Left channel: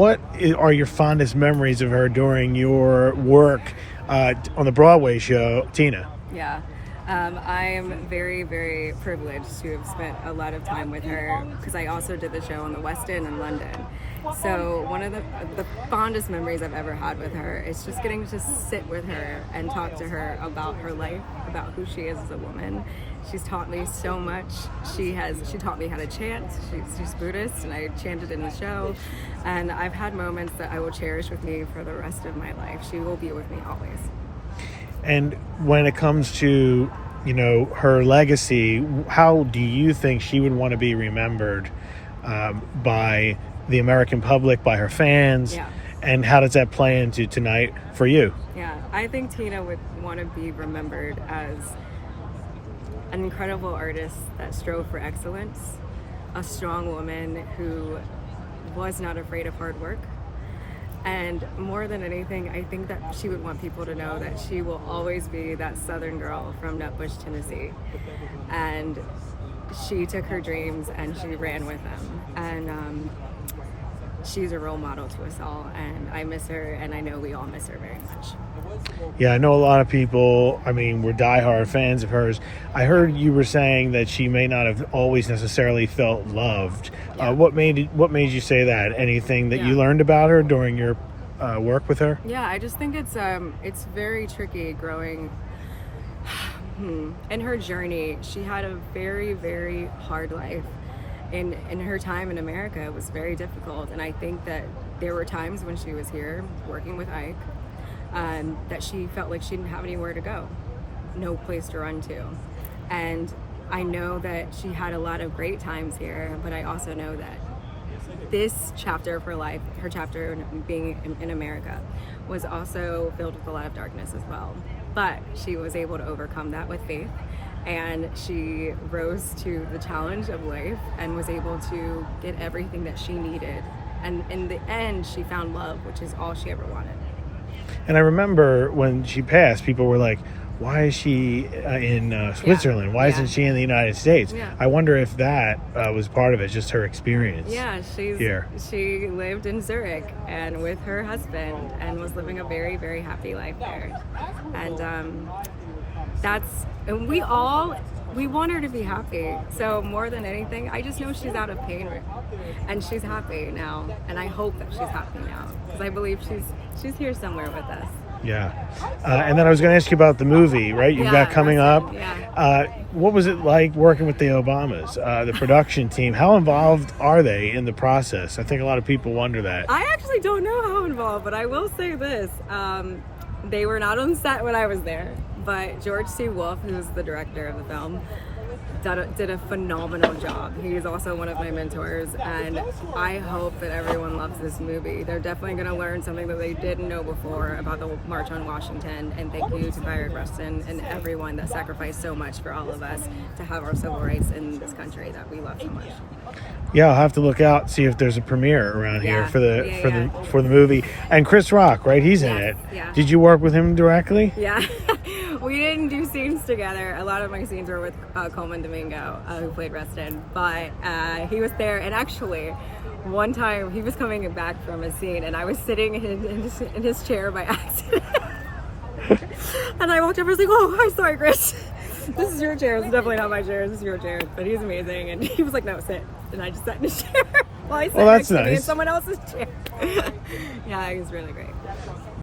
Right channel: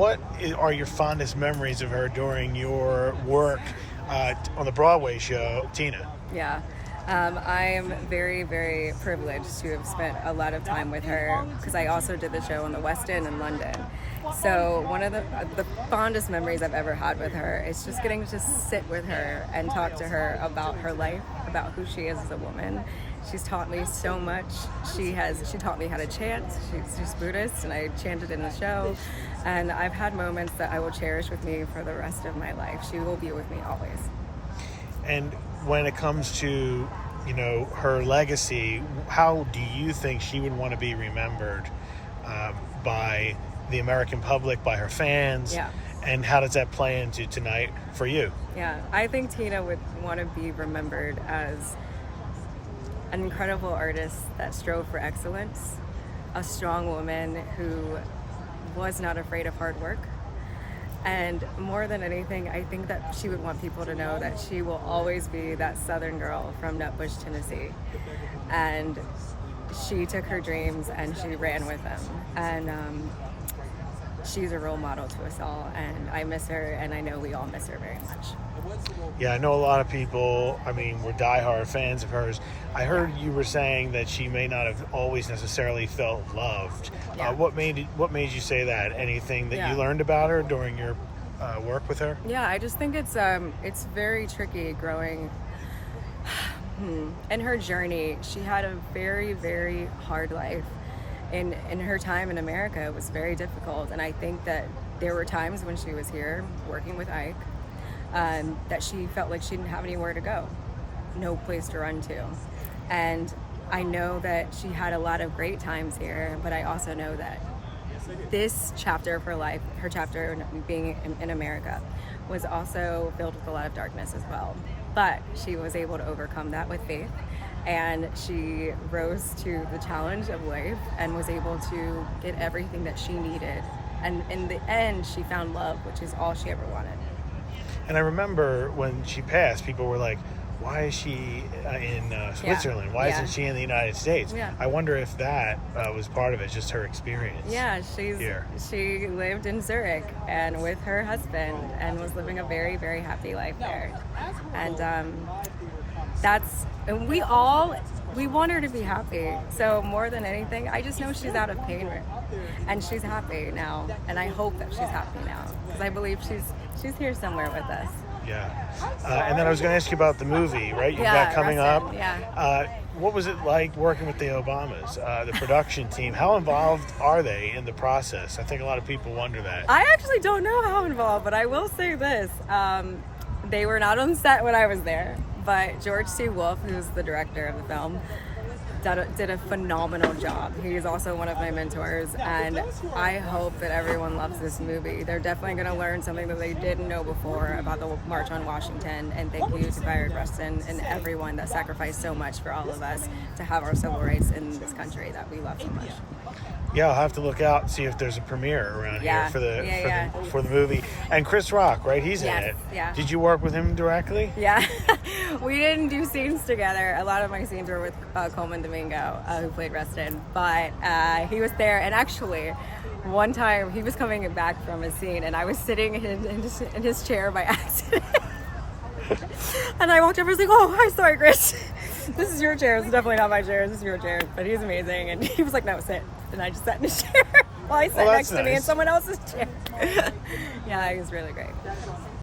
are your fondest memories of her during your work on the Broadway show, Tina? Yeah. I am very, very privileged to have spent a lot of time with her because I also did the show on the West End in London. So one of the fondest memories I've ever had with her is just getting to sit with her and talk to her about her life, about who she is as a woman. She's taught me so much. She taught me how to chant. She's Buddhist, and I chanted in the show. And I've had moments that I will cherish with me for the rest of my life. She will be with me always. And when it comes to, her legacy, how do you think she would want to be remembered by the American public, by her fans? Yeah. And how does that play into tonight for you? Yeah, I think Tina would want to be remembered as an incredible artist that strove for excellence, a strong woman who was not afraid of hard work. And more than anything, I think that she would want people to know that she will always be that Southern girl from Nutbush, Tennessee. And she took her dreams and she ran with them. And she's a role model to us all. And I miss her, and I know we all miss her very much. Yeah, I know a lot of people, were diehard fans of hers. I heard you were saying that she may not have always necessarily felt loved. Yeah. What made you say that? Anything that you learned about her during your work with her? Yeah, I just think it's very tricky growing. In her journey, she had a very, very hard life. In her time in America, it was very difficult. And I think that there were times when she was here working with Ike that she felt like she didn't have anywhere to go, no place to run to. And I know that she had a lot of great times here, but I also know that this chapter of her life, her chapter being in America, was also filled with a lot of darkness as well. But she was able to overcome that with faith, and she rose to the challenge of life and was able to get everything that she needed. And in the end, she found love, which is all she ever wanted. And I remember when she passed, people were like, why is she in Switzerland? Why isn't she in the United States? Yeah. I wonder if that was part of it, just her experience. Yeah, here. She lived in Zurich and with her husband and was living a very, very happy life there. And we want her to be happy. So more than anything, I just know she's out of pain and she's happy now. And I hope that she's happy now because I believe she's here somewhere with us. Yeah. And then I was going to ask you about the movie, right? You've got coming Rustin, up. Yeah. What was it like working with the Obamas, the production team? How involved are they in the process? I think a lot of people wonder that. I actually don't know how involved, but I will say this. They were not on set when I was there, but George C. Wolfe, who's the director of the film, did a phenomenal job. He is also one of my mentors, and I hope that everyone loves this movie. They're definitely going to learn something that they didn't know before about the March on Washington, and thank you to Fired Rustin and everyone that sacrificed so much for all of us to have our civil rights in this country that we love so much. Yeah, I'll have to look out and see if there's a premiere around here for the movie. And Chris Rock, right? He's in it. Yeah. Did you work with him directly? Yeah. We didn't do scenes together. A lot of my scenes were with Coleman Domingo, who played Rustin. But he was there. And actually, one time he was coming back from a scene, and I was sitting in his chair by accident. And I walked over and was like, oh, hi, sorry, Chris. This is your chair. It's definitely not my chair. This is your chair. But he's amazing. And he was like, no, sit. And I just sat in his chair while he sat next to me in someone else's chair. Yeah, he was really great.